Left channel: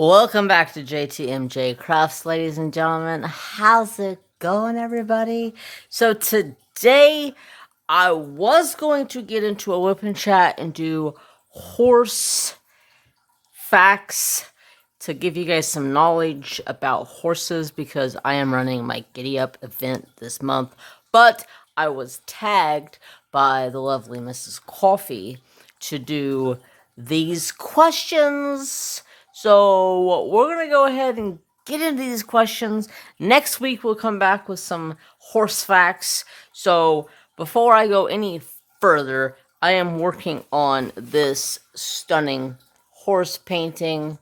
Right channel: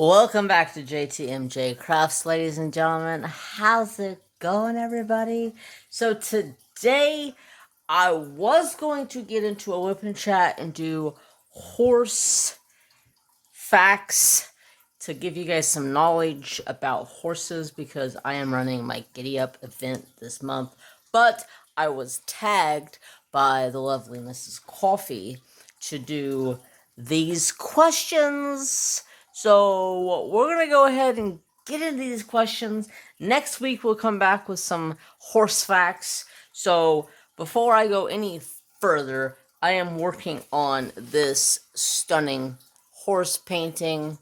Welcome back to JTMJ Crafts, ladies and gentlemen. How's it going, everybody? So today, I was going to get into a whipping chat and do horse facts to give you guys some knowledge about horses because I am running my Giddy Up event this month. But I was tagged by the lovely Mrs. Coffee to do these questions. So we're going to go ahead and get into these questions. Next week we'll come back with some horse facts. So before I go any further, I am working on this stunning horse painting.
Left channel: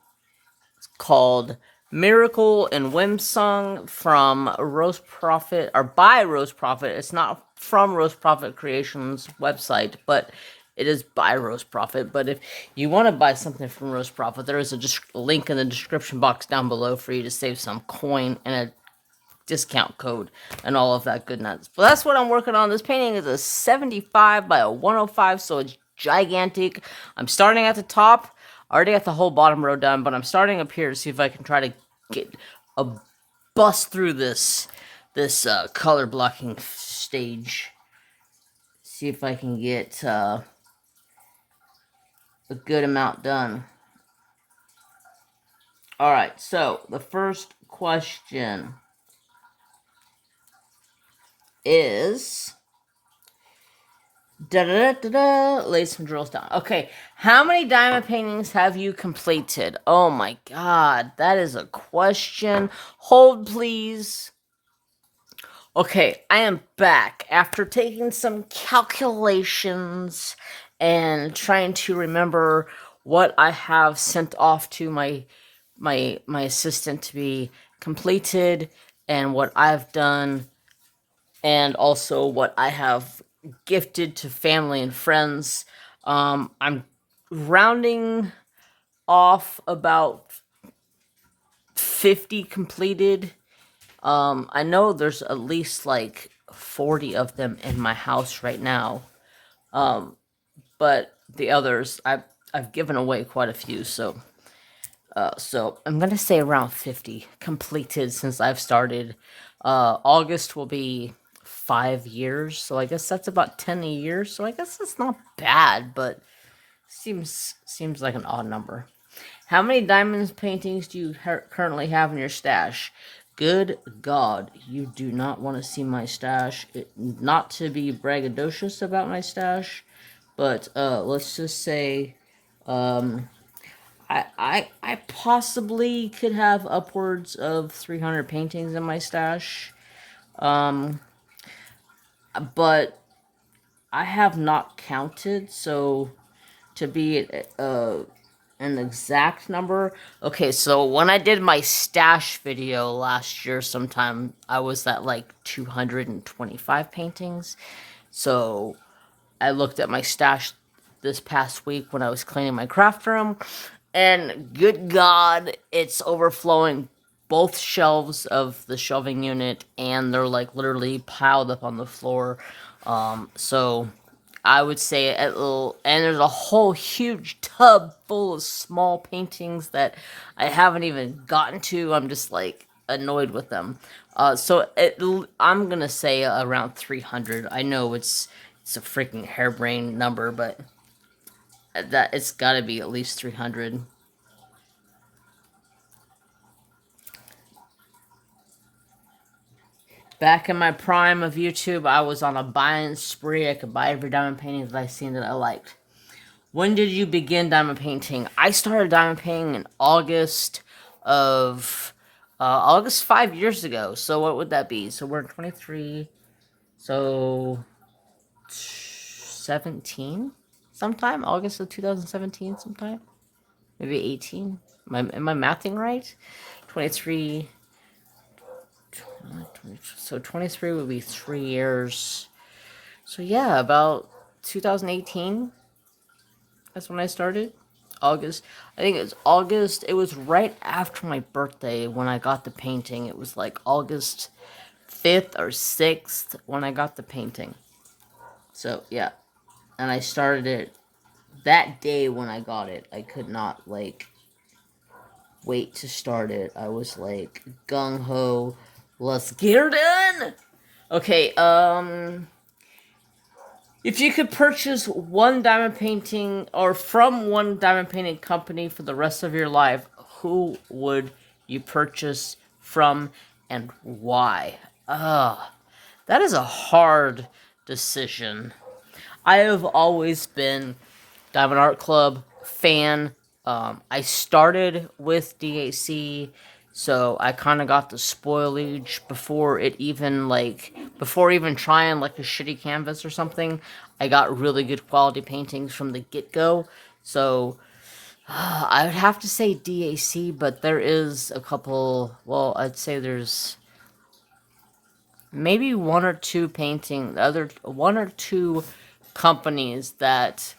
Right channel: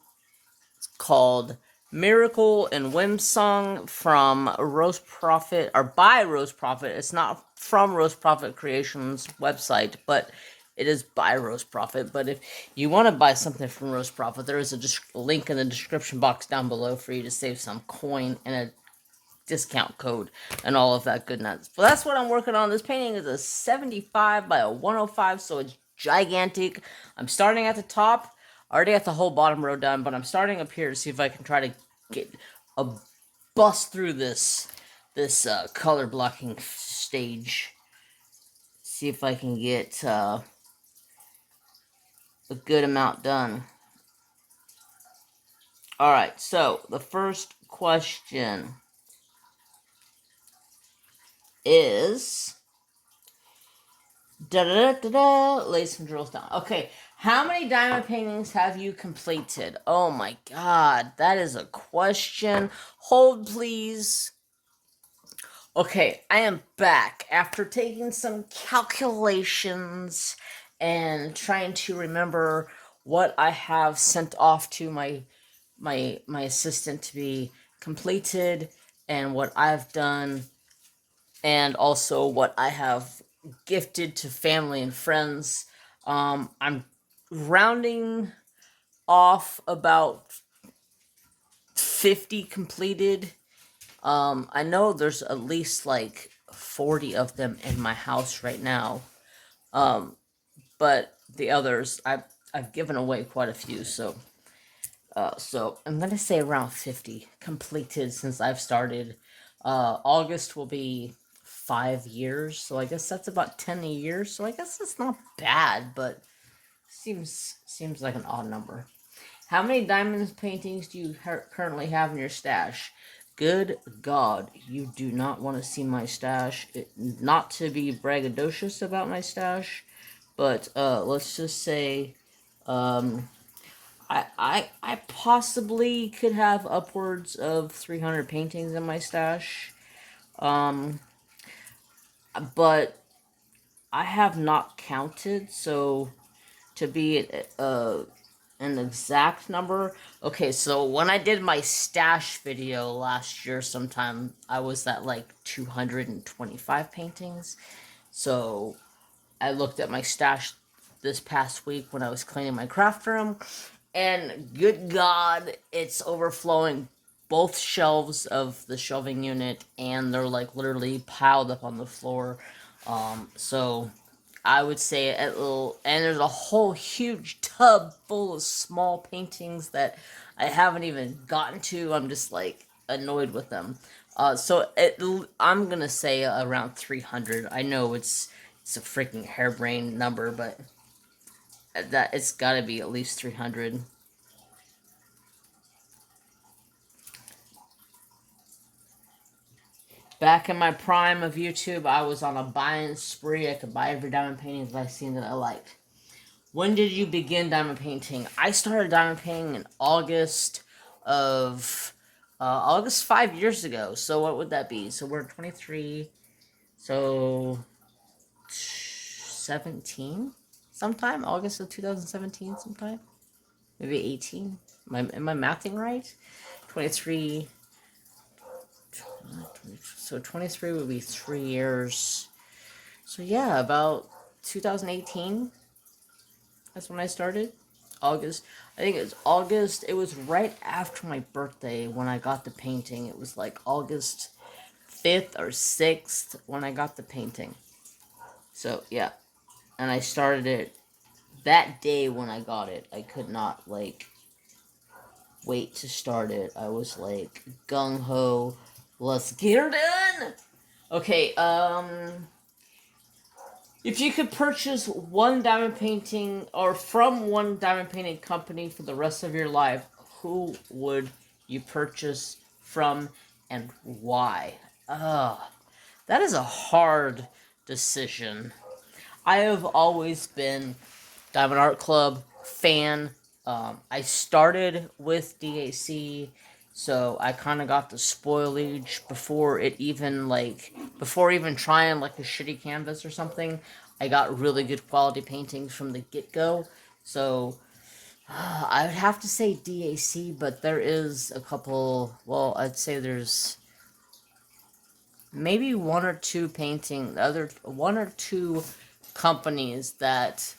It's called Miracle and Whim Song from Rose Prophet, or by Rose Prophet. It's not from Rose Prophet Creations website, but it is by Rose Prophet. But if you want to buy something from Rose Prophet, there is a link in the description box down below for you to save some coin and a discount code and all of that goodness. But that's what I'm working on. This painting is a 75 by a 105, so it's gigantic. I'm starting at the top. I already got the whole bottom row done, but I'm starting up here to see if I can try to get a bust through this color blocking stage. See if I can get a good amount done. Alright, so the first question is... Lay some drills down. Okay, how many diamond paintings have you completed? Oh my god, that is a question. Hold, please. Okay, I am back after taking some calculations and trying to remember what I have sent off to my assistant to be completed and what I've done and also what I have gifted to family and friends. I'm rounding off about 50 completed. I know there's at least like 40 of them in my house right now. But the others, I've given away quite a few, so I'm gonna say around 50 completed since I've started. August will be 5 years, so I guess that's about 10 a year. So I guess that's not bad, but seems like an odd number. How many diamonds paintings do you currently have in your stash? Good God, you do not want to see my stash. Not to be braggadocious about my stash, but let's just say I possibly could have upwards of 300 paintings in my stash. But I have not counted, so to be an exact number. Okay, so when I did my stash video last year sometime, I was at like 225 paintings. So I looked at my stash this past week when I was cleaning my craft room, and good God, it's overflowing both shelves of the shelving unit, and they're like literally piled up on the floor. So I would say a little, and there's a whole huge tub full of small paintings that I haven't even gotten to. I'm just like annoyed with them. I'm gonna say around 300. I know it's a freaking harebrained number, but that it's got to be at least 300. Back in my prime of YouTube, I was on a buying spree. I could buy every diamond painting that I seen that I liked. When did you begin diamond painting? I started diamond painting in August of August 5 years ago. So what would that be? So we're 23. So 17 sometime, August of 2017 sometime. Maybe 18. Am I mathing right? 23. So 23 would be 3 years. So yeah, about 2018. That's when I started. August. I think it's August. It was right after my birthday when I got the painting. It was like August 5th or 6th when I got the painting. So yeah. And I started it that day when I got it. I could not like wait to start it. I was like, gung-ho, let's get her done! Okay, if you could purchase one diamond painting, or from one diamond painting company for the rest of your life, who would you purchase from and why? That is a hard decision. I have always been Diamond Art Club fan. I started with DAC, so I kind of got the spoilage before even trying like a shitty canvas or something. I got really good quality paintings from the get-go. So I would have to say DAC, but there is a couple, well, I'd say there's maybe one or two companies that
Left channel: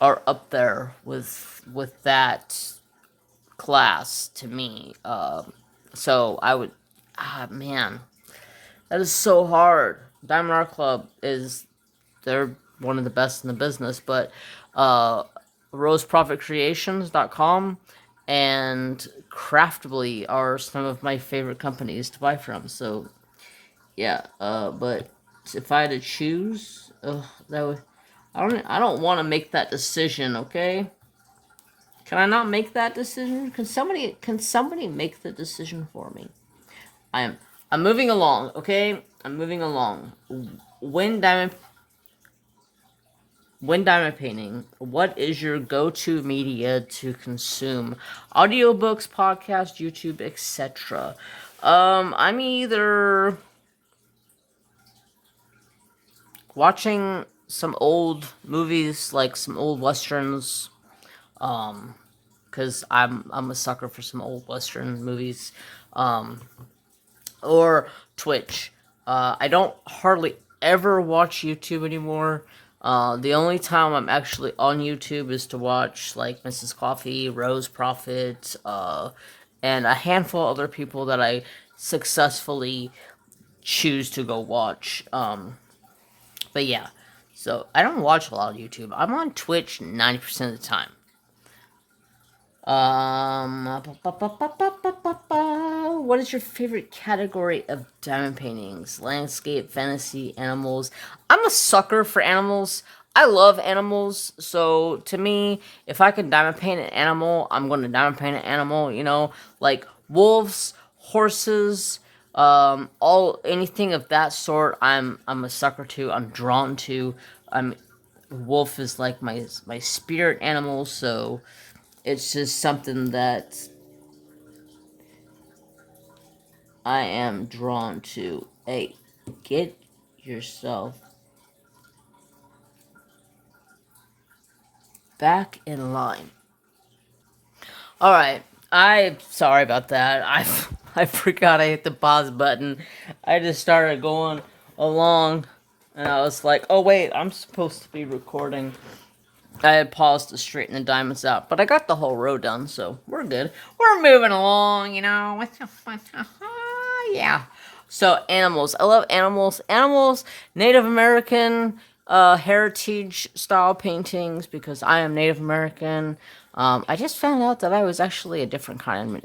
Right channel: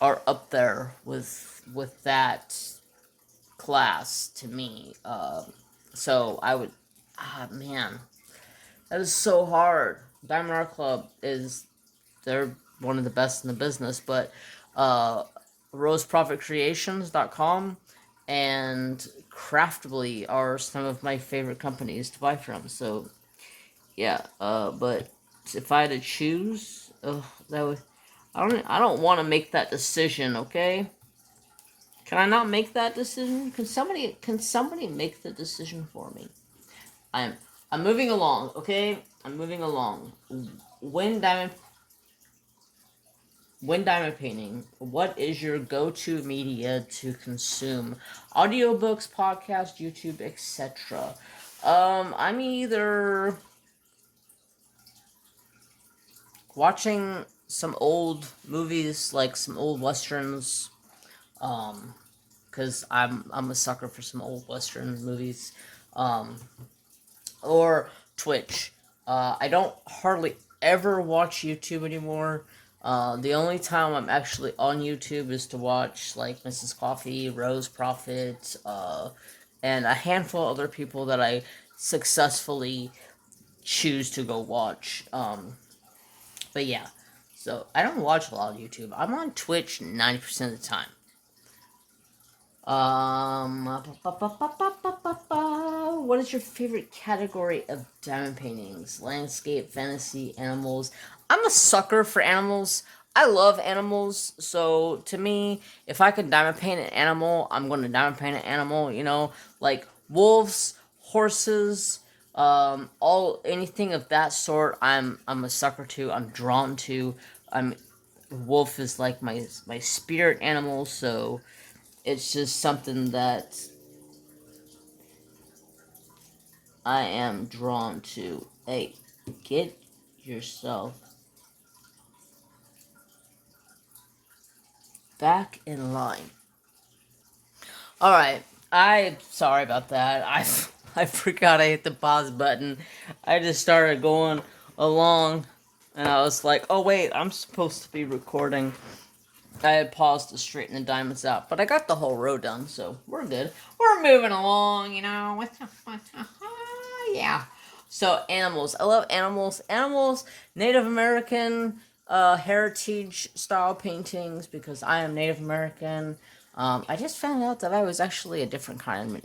are up there with that class to me. So I would, man, that is so hard. Diamond Art Club they're one of the best in the business, but roseprofitcreations.com and Craftly are some of my favorite companies to buy from. So yeah, but if I had to choose, that would, I don't want to make that decision, okay? Can I not make that decision? Can somebody make the decision for me? I'm moving along, okay? I'm moving along. When diamond painting, what is your go-to media to consume? Audiobooks, podcasts, YouTube, etc. I'm either watching some old movies, like some old westerns, because I'm a sucker for some old western movies, or Twitch. I don't hardly ever watch YouTube anymore. The only time I'm actually on YouTube is to watch like Mrs. Coffee, Rose Prophet, and a handful of other people that I successfully choose to go watch. But yeah, so I don't watch a lot of YouTube. I'm on Twitch 90% of the time. What is your favorite category of diamond paintings? Landscape, fantasy, animals. I'm a sucker for animals. I love animals, so to me, if I can diamond paint an animal, I'm going to diamond paint an animal, like wolves, horses, anything of that sort. I'm a sucker to. I'm drawn to. Wolf is like my spirit animal, so it's just something that I am drawn to. Hey, get yourself back in line. Alright, I'm sorry about that. I forgot I hit the pause button. I just started going along, and I was like, oh wait, I'm supposed to be recording. I had paused to straighten the diamonds out, but I got the whole row done, so we're good. We're moving along, yeah. So animals, I love animals. Animals, Native American, heritage style paintings because I am Native American. I just found out that I was actually a different kind of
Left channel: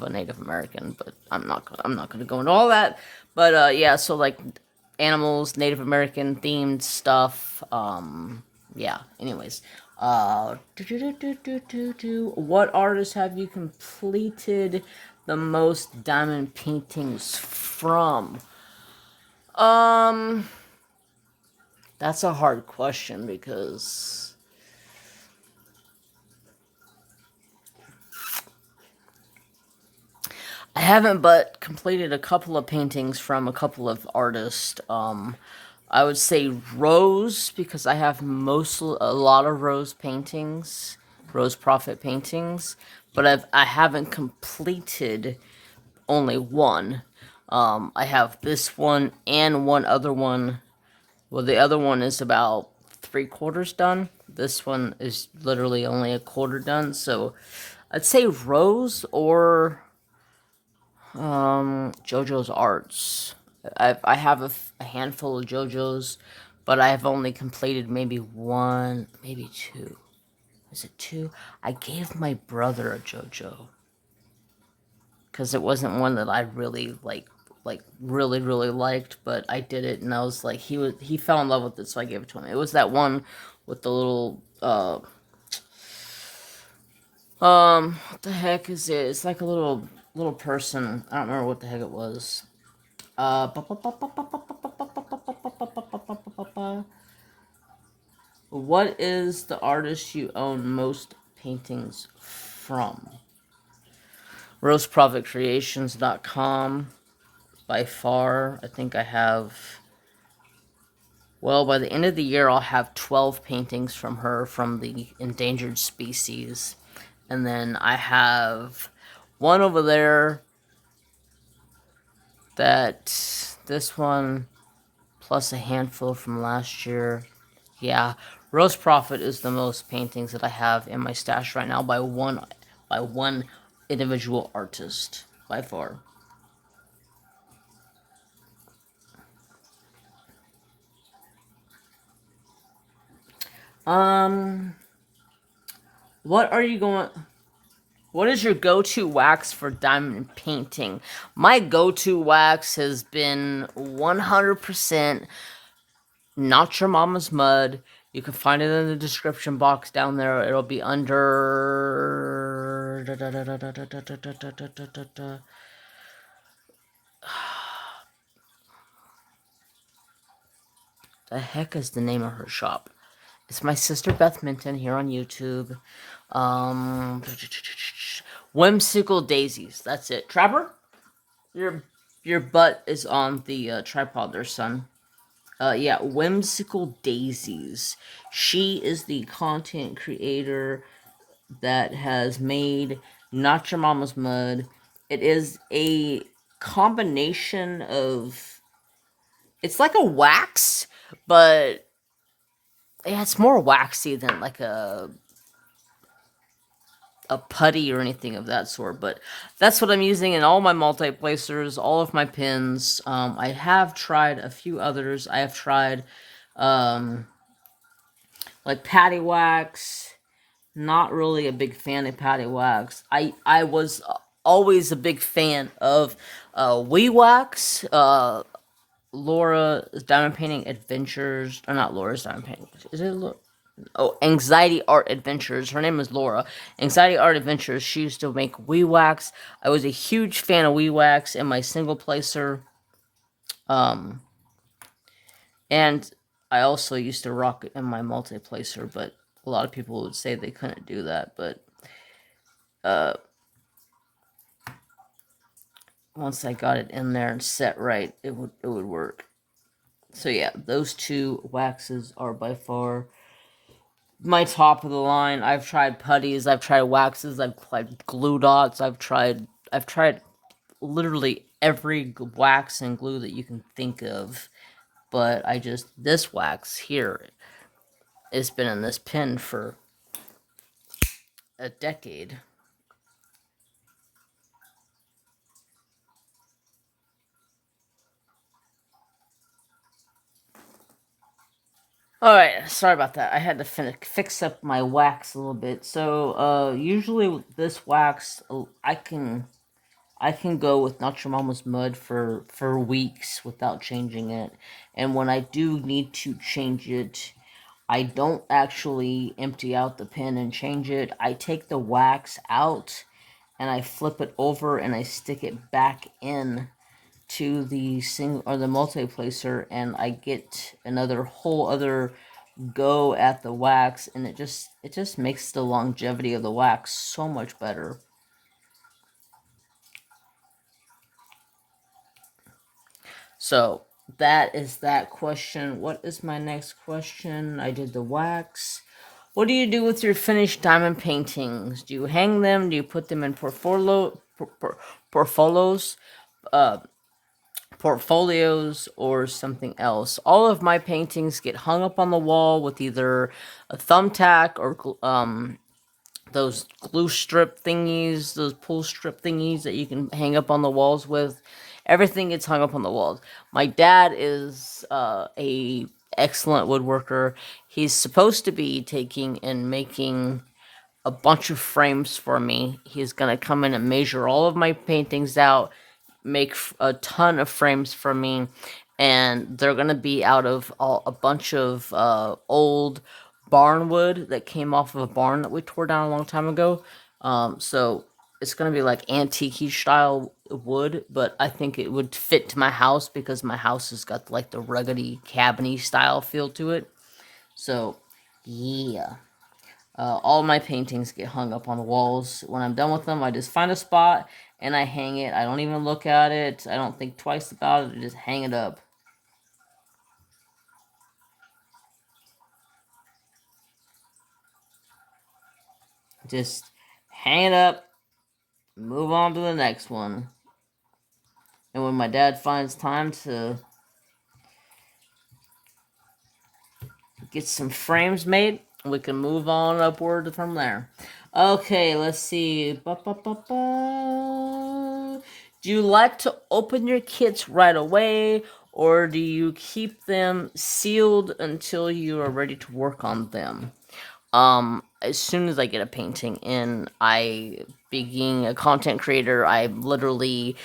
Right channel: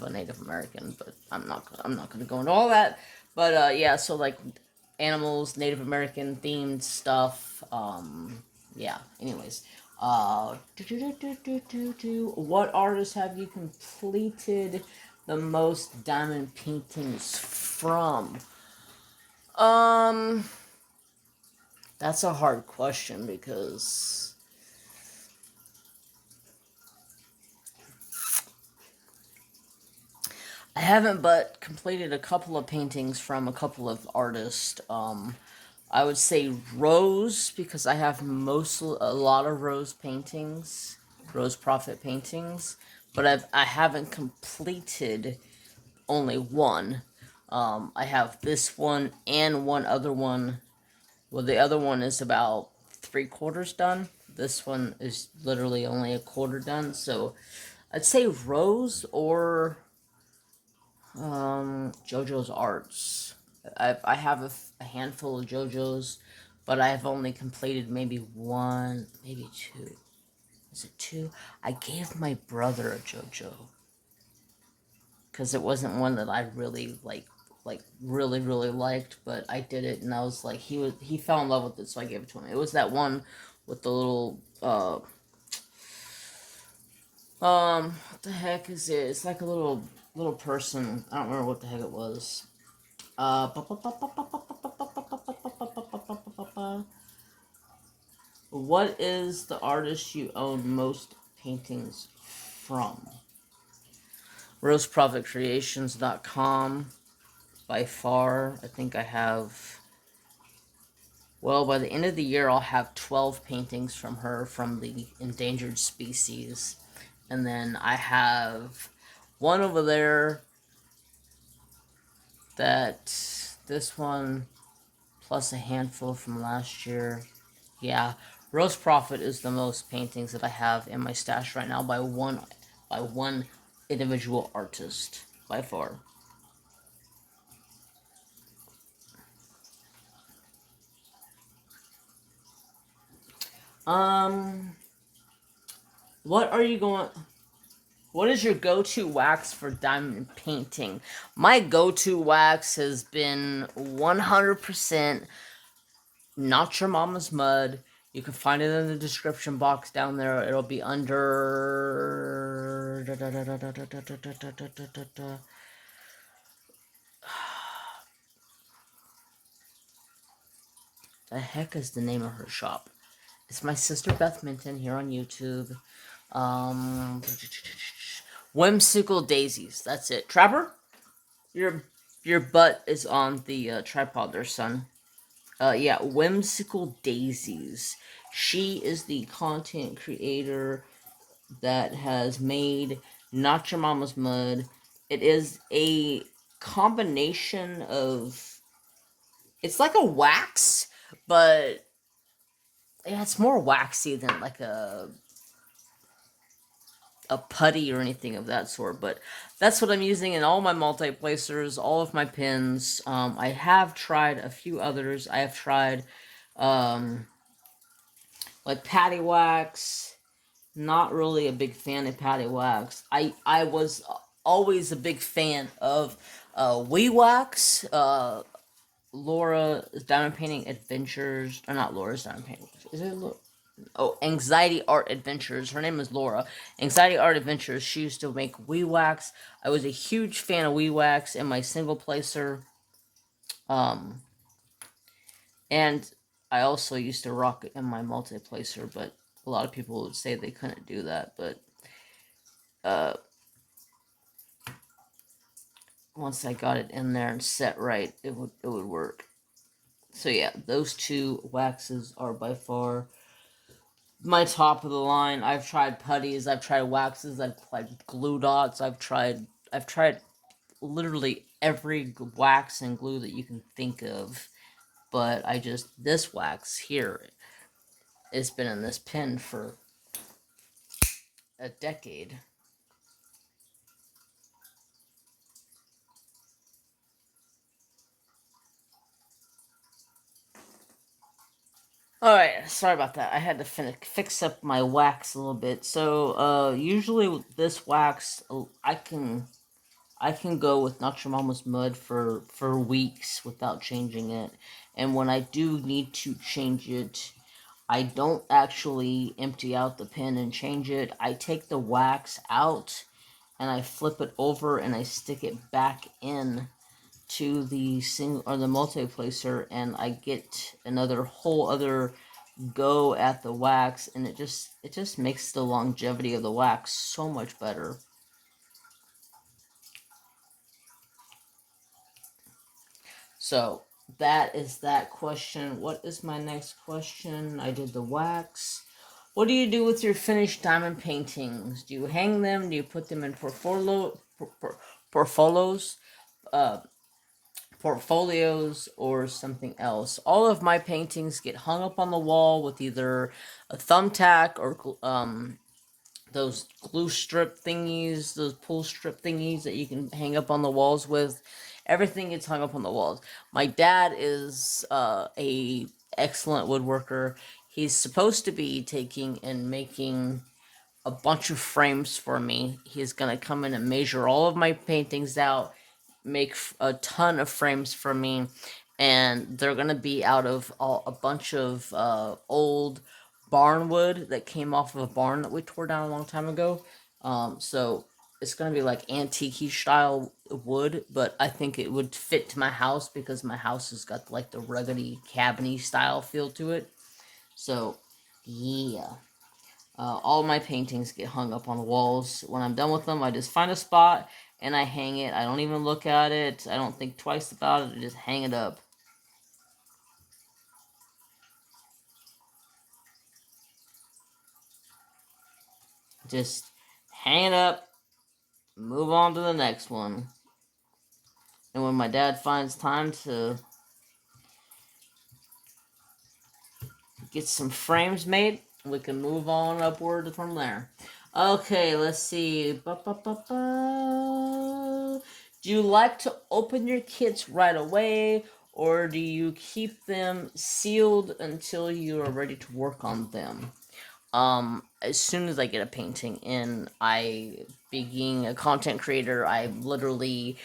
a Native American, but I'm not gonna go into all that. But yeah, so like animals, Native American themed stuff. Yeah. Anyways, what artists have you completed the most diamond paintings from? That's a hard question because I haven't but completed a couple of paintings from a couple of artists. I would say Rose because I have a lot of Rose paintings, Rose Prophet paintings, but I haven't completed only one. I have this one and one other one. Well, the other one is about 3/4 done. This one is literally only a quarter done. So I'd say Rose or JoJo's Arts. I have a handful of JoJo's, but I have only completed maybe one, maybe two. Is it 2? I gave my brother a JoJo. Because it wasn't one that I really, really liked. But I did it, and I was like, he fell in love with it, so I gave it to him. It was that one with the little, what the heck is it? It's like a little person. I don't remember what the heck it was. What is the artist you own most paintings from? RoseProfitCreations.com. By far, I think I have... Well, by the end of the year, I'll have 12 paintings from her from the endangered species. And then I have one over there that... This one, plus a handful from last year. Yeah, Rose Profit is the most paintings that I have in my stash right now by one individual artist, by far. What are you going... What is your go-to wax for diamond painting? My go-to wax has been 100% Not Your Mama's Mud. You can find it in the description box down there. It'll be under... The heck is the name of her shop? It's my sister Beth Minton here on YouTube. Whimsical Daisies. That's it. Trapper, your butt is on the tripod there, son. Yeah, Whimsical Daisies. She is the content creator that has made Not Your Mama's Mud. It is a combination of... It's like a wax, but yeah, it's more waxy than like a putty or anything of that sort. But that's what I'm using in all my multi-placers, all of my pins. I have tried a few others. I have tried like patty wax. Not really a big fan of patty wax. I was always a big fan of Wee Wax. Laura's Diamond Painting Adventures, or not Laura's Diamond Painting. Is it Anxiety Art Adventures. Her name is Laura. Anxiety Art Adventures. She used to make Wee Wax. I was a huge fan of Wee Wax in my single placer. And I also used to rock it in my multi-placer, but a lot of people would say they couldn't do that. But once I got it in there and set right, it would work. So yeah, those two waxes are by far my top of the line. I've tried putties, I've tried waxes, I've tried glue dots, I've tried literally every wax and glue that you can think of. But this wax here has been in this pen for a decade. Alright, sorry about that. I had to fix up my wax a little bit. So, usually this wax, I can go with Not Your Mama's Mud for weeks without changing it. And when I do need to change it, I don't actually empty out the pen and change it. I take the wax out and I flip it over and I stick it back in to the single or the multi-placer, and I get another whole other go at the wax, and it just makes the longevity of the wax so much better. So that is that question. What is my next question? I did the wax. What do you do with your finished diamond paintings? Do you hang them? Do you put them in portfolios? Portfolios or something else. All of my paintings get hung up on the wall with either a thumbtack or those glue strip thingies, those pull strip thingies that you can hang up on the walls with. Everything gets hung up on the walls. My dad is a excellent woodworker. He's supposed to be taking and making a bunch of frames for me. He's gonna come in and measure all of my paintings out, make a ton of frames for me, and they're gonna be out of a bunch of old barn wood that came off of a barn that we tore down a long time ago. So it's gonna be like antique style wood, but I think it would fit to my house because my house has got like the ruggedy cabiny style feel to it. So yeah. All my paintings get hung up on the walls. When I'm done with them, I just find a spot and I hang it. I don't even look at it. I don't think twice about it. I just hang it up. Just hang it up, move on to the next one. And when my dad finds time to get some frames made, we can move on upward from there. Okay, let's see. Do you like to open your kits right away, or do you keep them sealed until you are ready to work on them? As soon as I get a painting in, being a content creator, I literally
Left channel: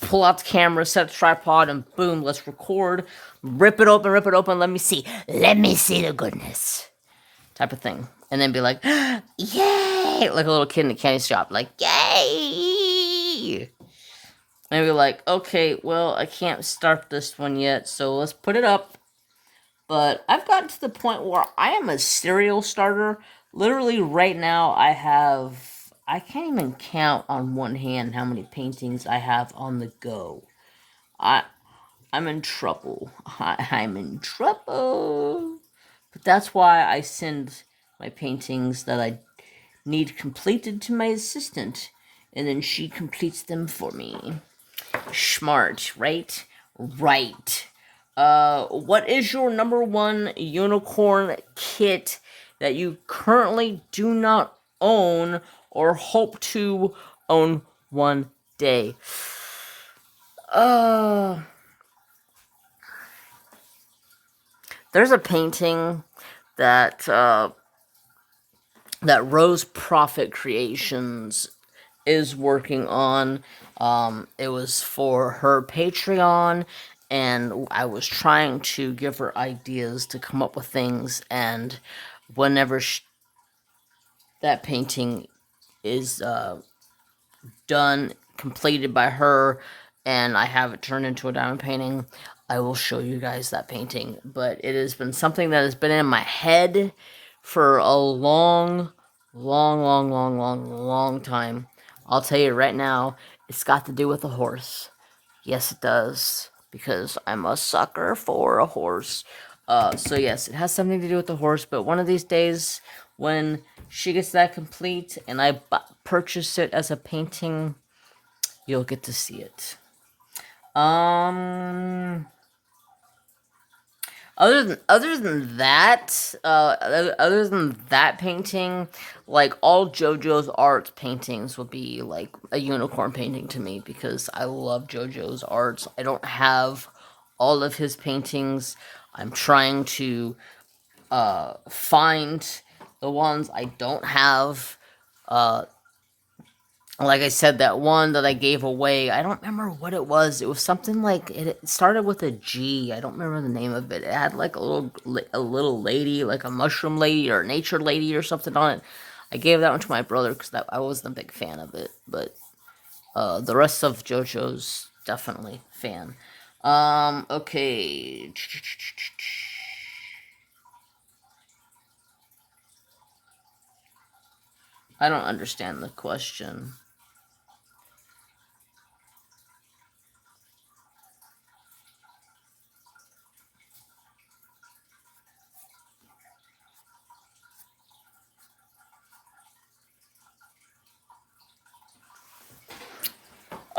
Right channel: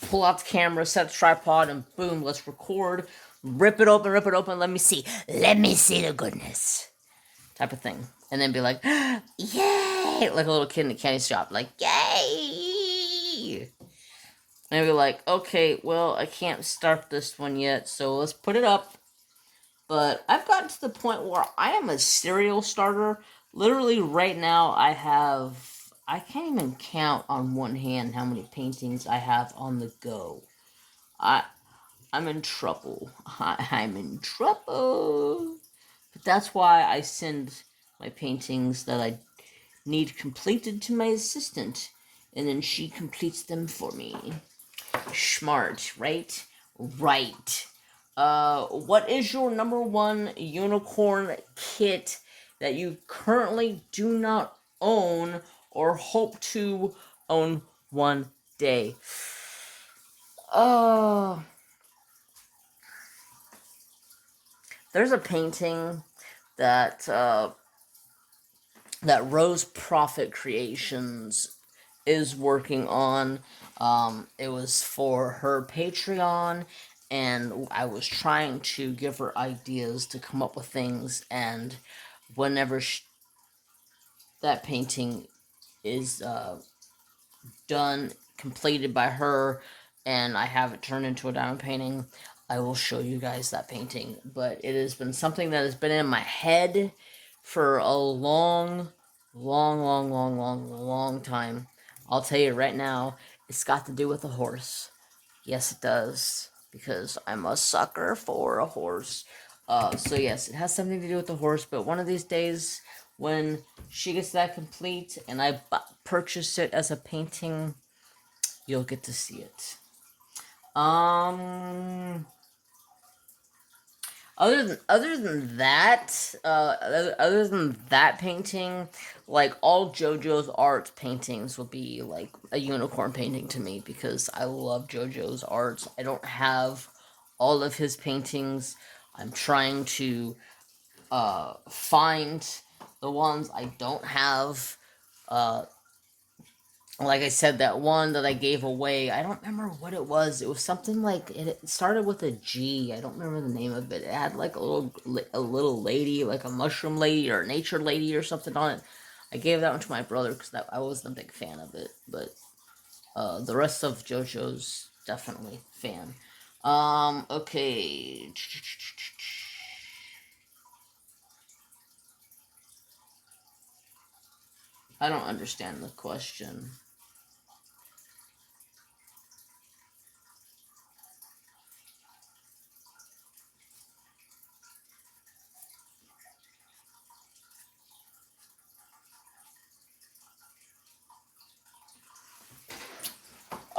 pull out the camera, set the tripod, and boom, let's record. Rip it open, let me see the goodness, type of thing. And then be like, yay! Like a little kid in a candy shop, like, yay! And be like, okay, well, I can't start this one yet, so let's put it up. But I've gotten to the point where I am a serial starter. Literally, right now, I can't even count on one hand how many paintings I have on the go. I'm in trouble. I'm in trouble. But that's why I send my paintings that I need completed to my assistant, and then she completes them for me. Smart, right? Right. What is your number one unicorn kit that you currently do not own or hope to own one day? There's a painting that that Rose Profit Creations is working on. It was for her Patreon, and I was trying to give her ideas to come up with things, and whenever that painting is done, completed by her, and I have it turned into a diamond painting, I will show you guys that painting. But it has been something that has been in my head for a long time. I'll tell you right now, it's got to do with a horse. Yes, it does, because I'm a sucker for a horse. So yes, it has something to do with the horse, but one of these days, when she gets that complete and I purchase it as a painting, you'll get to see it. Other than that painting, like all JoJo's art paintings would be like a unicorn painting to me because I love JoJo's arts. I don't have all of his paintings. I'm trying to find the ones I don't have. Like I said, that one that I gave away, I don't remember what it was. It was something like it started with a G. I don't remember the name of it. It had like a little lady, like a mushroom lady or a nature lady or something on it. I gave that one to my brother because I wasn't a big fan of it, but the rest of JoJo's definitely fan. Okay. I don't understand the question.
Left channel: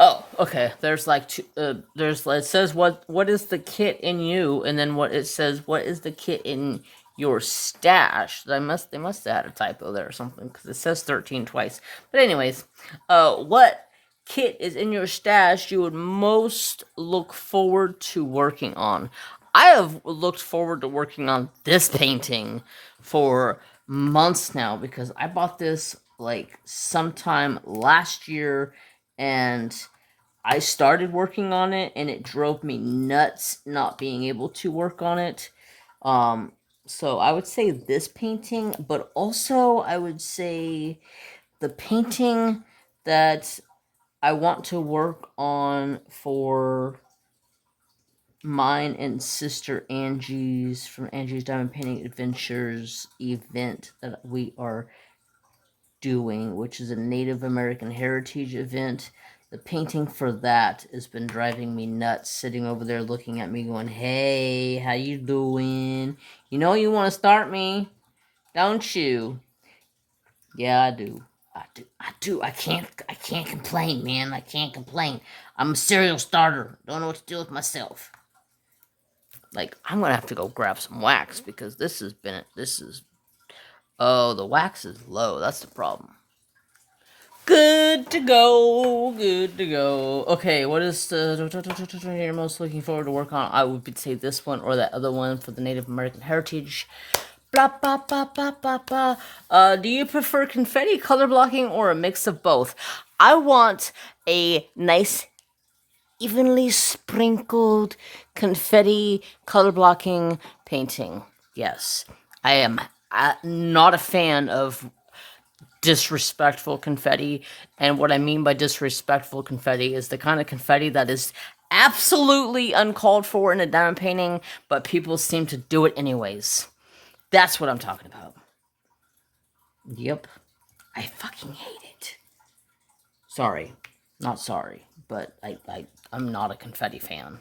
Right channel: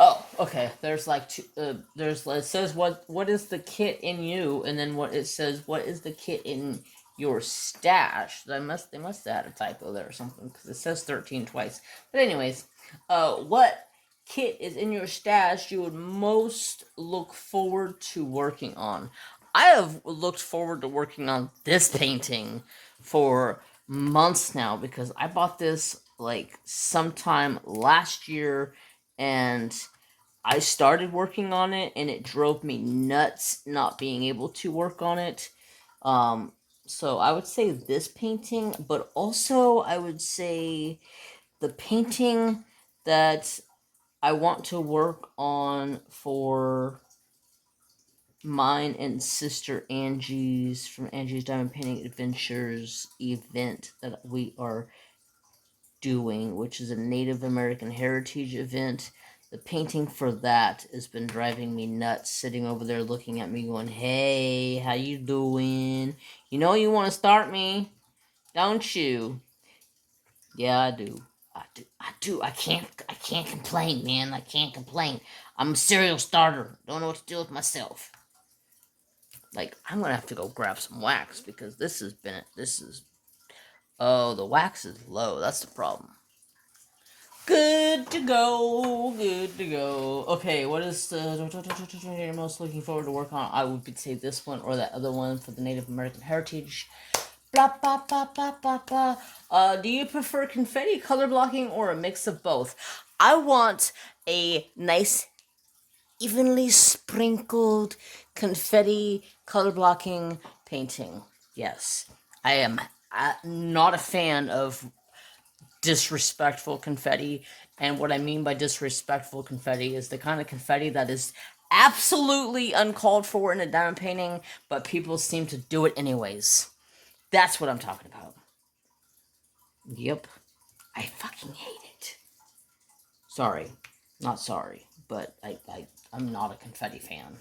Oh, okay. There's like two. It says what is the kit in you, and then what it says what is the kit in your stash. They must have had a typo there or something because it says 13 twice. But anyways, what kit is in your stash you would most look forward to working on? I have looked forward to working on this painting for months now because I bought this like sometime last year, and I started working on it, and it drove me nuts not being able to work on it. Um, so I would say this painting, but also I would say the painting that I want to work on for mine and sister Angie's from Angie's Diamond Painting Adventures event that we are doing, which is a Native American heritage event. The painting for that has been driving me nuts, sitting over there looking at me going, "Hey, how you doing? You know you want to start me, don't you?" Yeah, I do. I do. I can't complain, man. I can't complain. I'm a serial starter. Don't know what to do with myself. Like, I'm gonna have to go grab some wax because oh, the wax is low. That's the problem. Good to go. Good to go. Okay, what is the you're most looking forward to work on? I would say this one or that other one for the Native American heritage. Blah, blah, blah, blah, blah, blah. Do you prefer confetti, color blocking, or a mix of both? I want a nice, evenly sprinkled confetti color blocking painting. Yes, I am not a fan of disrespectful confetti. And what I mean by disrespectful confetti is the kind of confetti that is absolutely uncalled for in a diamond painting, but people seem to do it anyways. That's what I'm talking about. Yep. I fucking hate it. Sorry. Not sorry, but I'm not a confetti fan.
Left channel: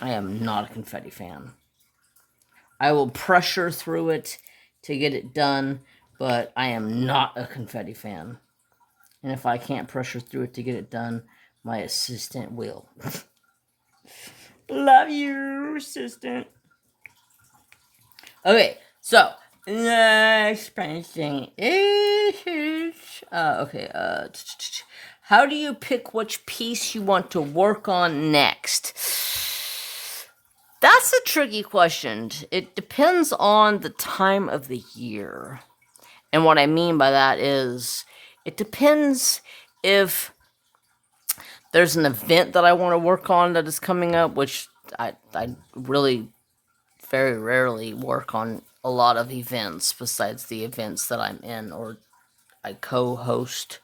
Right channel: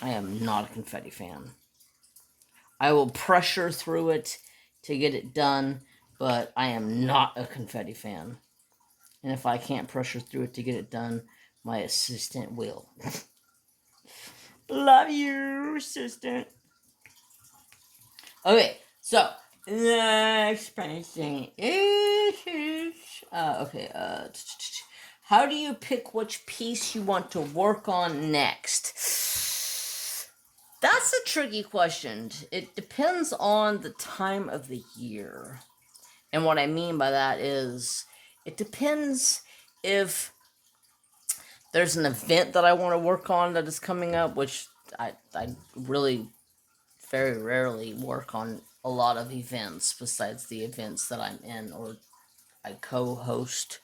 I am not a confetti fan. I will pressure through it to get it done, but I am not a confetti fan. And if I can't pressure through it to get it done, my assistant will. Love you, assistant. Okay, so next painting is how do you pick which piece you want to work on next? That's a tricky question. It depends on the time of the year. And what I mean by that is it depends if there's an event that I want to work on that is coming up, which I really very rarely work on a lot of events besides the events that I'm in or I co-host.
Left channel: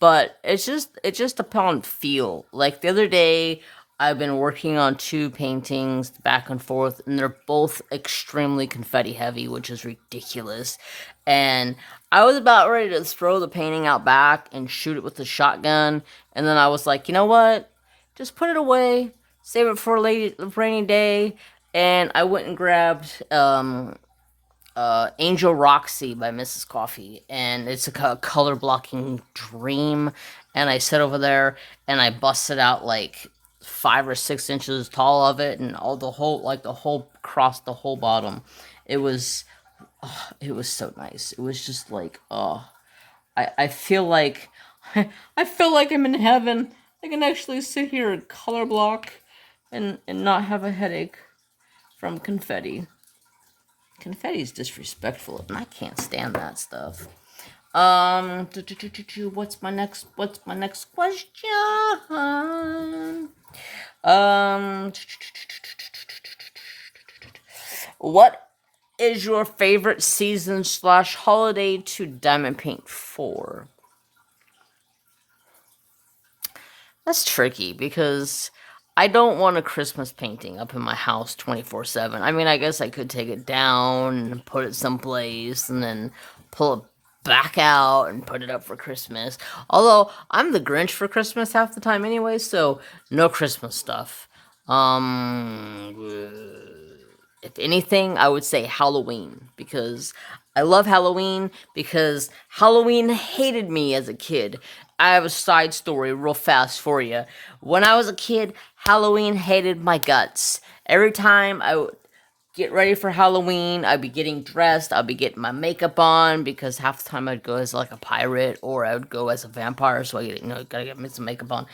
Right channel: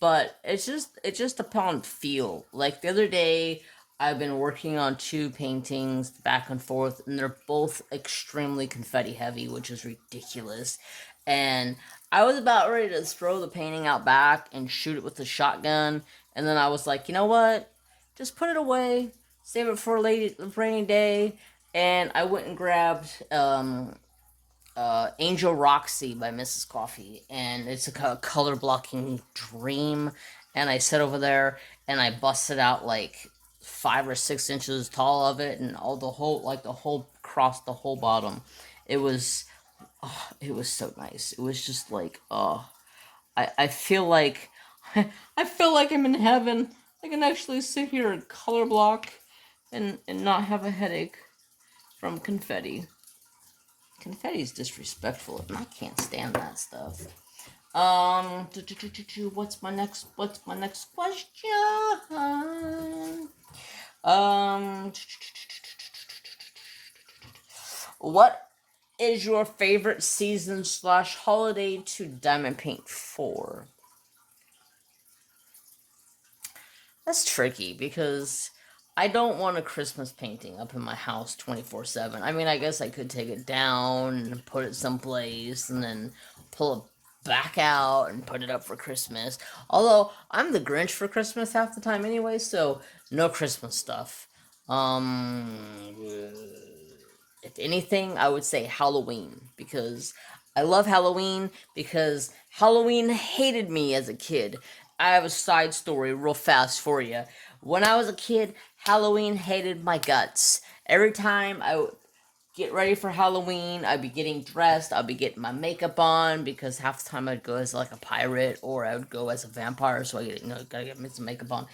But it's just upon feel. Like the other day, I've been working on two paintings back and forth, and they're both extremely confetti heavy, which is ridiculous. And I was about ready to throw the painting out back and shoot it with the shotgun, and then I was like, you know what? Just put it away, save it for a rainy day. And I went and grabbed Angel Roxy by Mrs. Coffee, and it's a color blocking dream. And I sit over there and I busted out like 5 or 6 inches tall of it, and all the whole across the whole bottom. It was, it was so nice. It was just like, I feel like, I feel like I'm in heaven. I can actually sit here and color block, and not have a headache from confetti. Confetti is disrespectful, and I can't stand that stuff. What's my next question? Um, what is your favorite season / holiday to diamond paint for? That's tricky because I don't want a Christmas painting up in my house 24/7. I mean, I guess I could take it down and put it someplace and then pull it back out and put it up for Christmas. Although I'm the Grinch for Christmas half the time anyway, so no Christmas stuff. If anything, I would say Halloween because I love Halloween because Halloween hated me as a kid. I have a side story real fast for you. When I was a kid, Halloween hated my guts. Every time I would get ready for Halloween, I'd be getting dressed, I'd be getting my makeup on because half the time I'd go as like a pirate or I would go as a vampire, so I gotta get me some makeup on.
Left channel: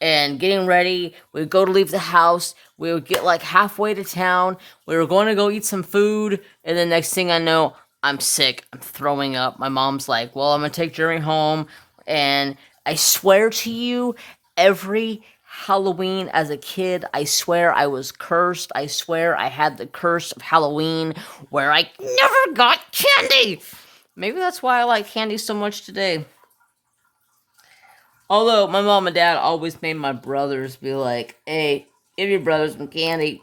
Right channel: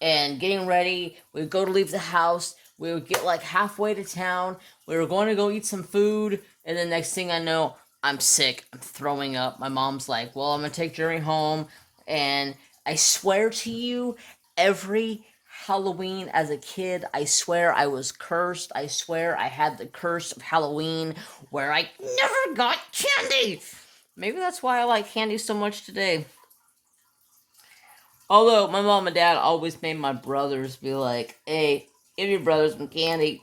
and getting ready. We'd go to leave the house. We would get like halfway to town. We were going to go eat some food. And then next thing I know, I'm sick. I'm throwing up. My mom's like, well, I'm going to take Jeremy home. And I swear to you, every Halloween as a kid, I swear I was cursed. I swear I had the curse of Halloween where I never got candy. Maybe that's why I like candy so much today. Although my mom and dad always made my brothers be like, hey, give your brothers some candy.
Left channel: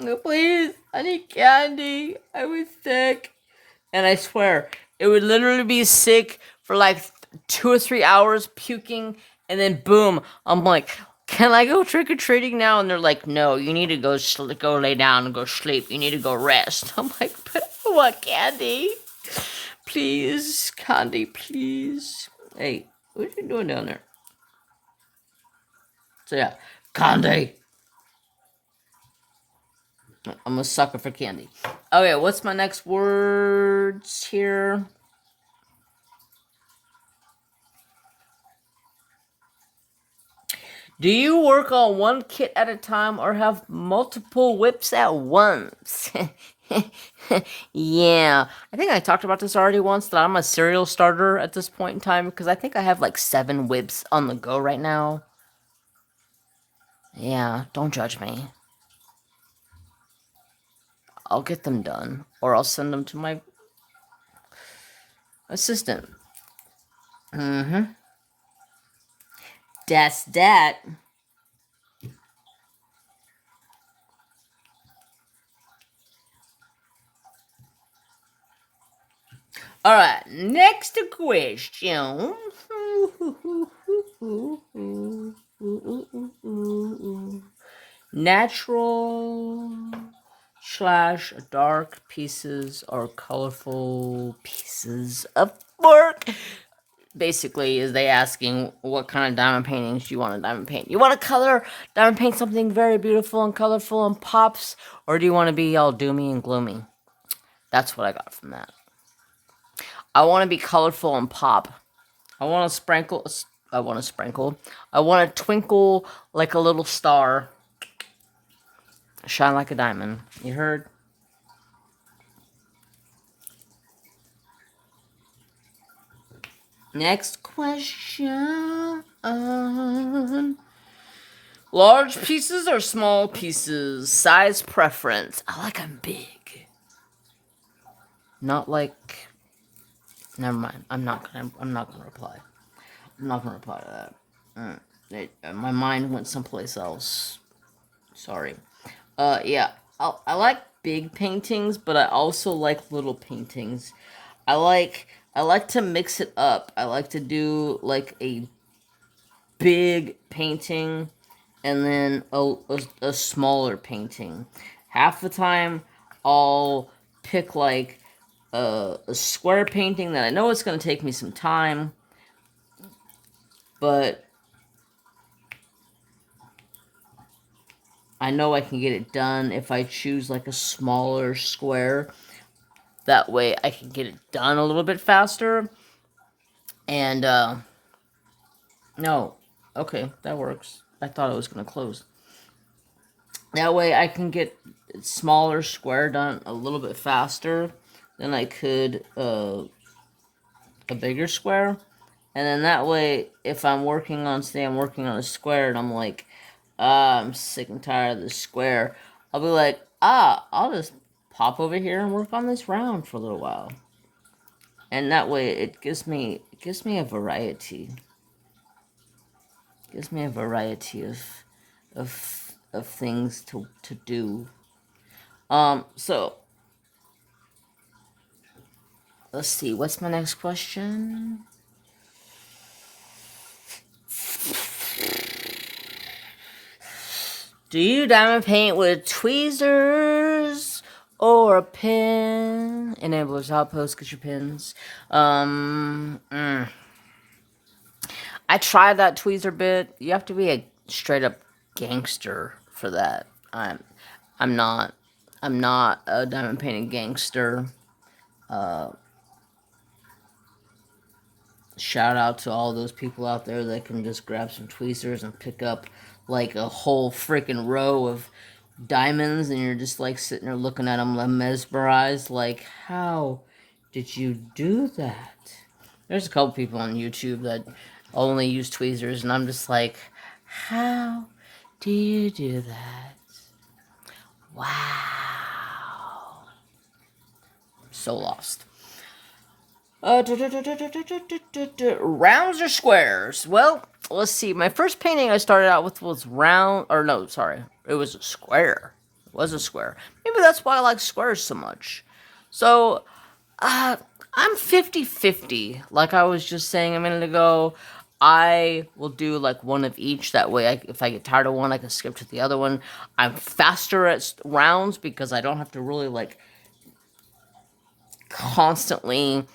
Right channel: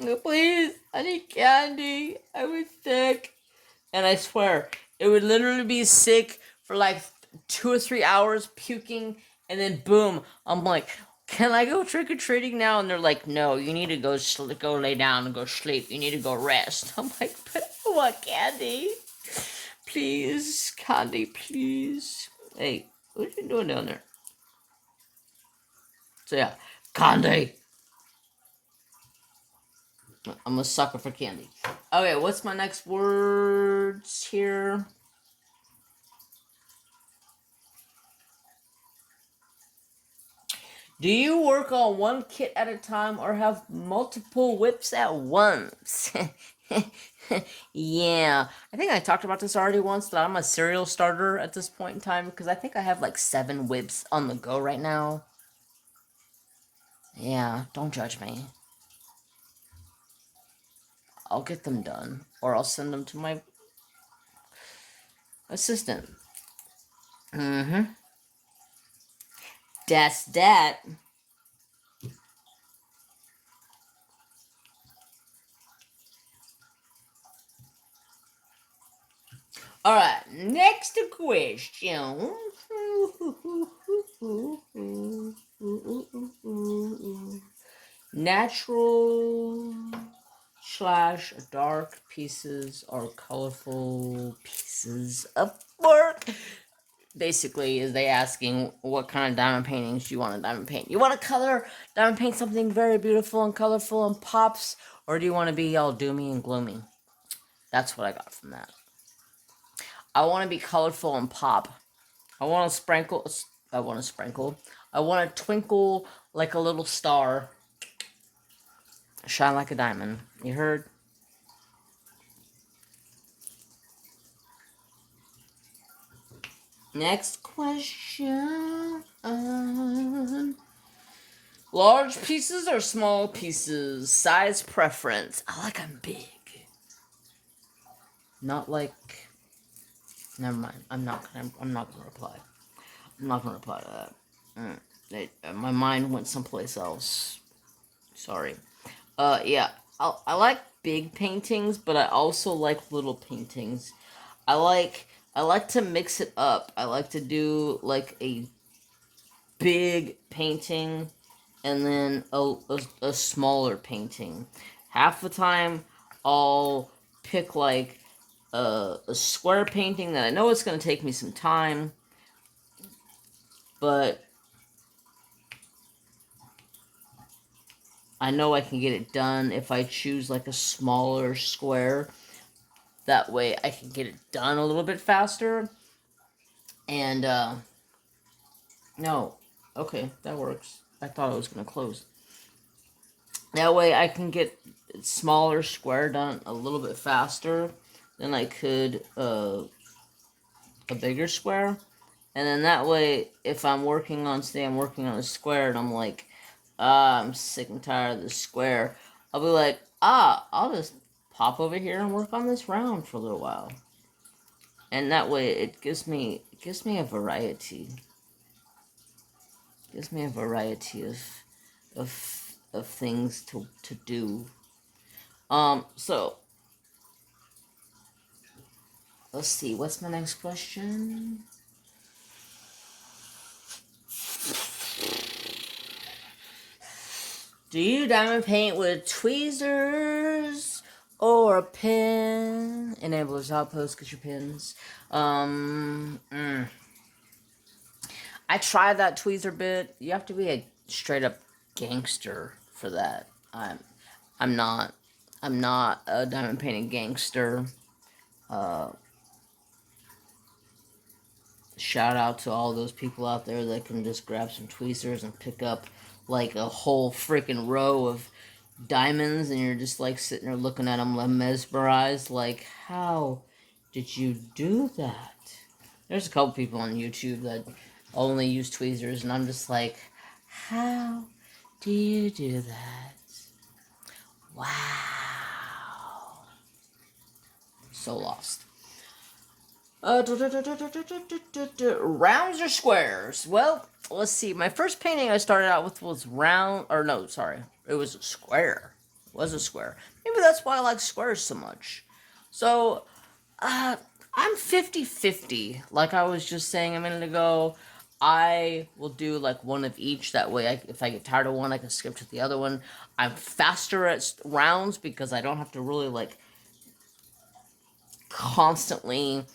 No, please, I need candy. I was sick. And I swear, it would literally be sick for like 2 or 3 hours, puking, and then boom, I'm like, can I go trick-or-treating now? And they're like, no, you need to go lay down and go sleep. You need to go rest. I'm like, but I want candy. Please, candy, please. Hey, what are you doing down there? So yeah, candy. I'm a sucker for candy. Okay, what's my next words here? Do you work on one kit at a time or have multiple whips at once? Yeah, I think I talked about this already once, that I'm a serial starter at this point in time because I think I have like 7 whips on the go right now. Yeah, don't judge me. I'll get them done, or I'll send them to my assistant. Mm-hmm. That's that. All right, next question. Natural slash dark pieces or colorful pieces of work. Basically, is they asking what kind of diamond paintings you want to diamond paint. You want to diamond paint something very beautiful and colorful and pops, or do you want to be all doomy and gloomy? That's what I got from that. I want to be colorful and pop. I want to sprinkle. I want to sprinkle. I want to twinkle like a little star. Shine like a diamond. You heard? Next question. Large pieces or small pieces? Size preference. I like them big. Not like. Never mind. I'm not gonna reply. I'm not gonna reply to that. My mind went someplace else. Sorry. Yeah. I like big paintings, but I also like little paintings. I like to mix it up. I like to do like a big painting and then a smaller painting. Half the time, I'll pick like a square painting that I know it's going to take me some time, but I know I can get it done if I choose like a smaller square. That way I can get it done a little bit faster. And, no. Okay, that works. I thought it was going to close. That way I can get smaller square done a little bit faster than I could a bigger square. And then that way, if I'm working on, say I'm working on a square and I'm like, I'm sick and tired of this square, I'll be like, I'll just pop over here and work on this round for a little while. And that way it gives me a variety. It gives me a variety of things to do. So let's see, what's my next question? Do you diamond paint with tweezers or a pen? Enablers outpost, get your pins. I tried that tweezer bit. You have to be a straight up gangster for that. I'm not a diamond painting gangster. shout out to all those people out there that can just grab some tweezers and pick up like a whole freaking row of diamonds, and you're just like sitting there looking at them mesmerized, like, how did you do that? There's a couple people on YouTube that only use tweezers, and I'm just like, how do you do that? Wow. So lost. Rounds or squares? Well, let's see. My first painting I started out with was round, or no, sorry. It was a square. It was a square. Maybe that's why I like squares so much. So, I'm 50-50. Like I was just saying a minute ago, I will do like one of each. That way, if I get tired of one, I can skip to the other one. I'm faster at rounds because I don't have to really like constantly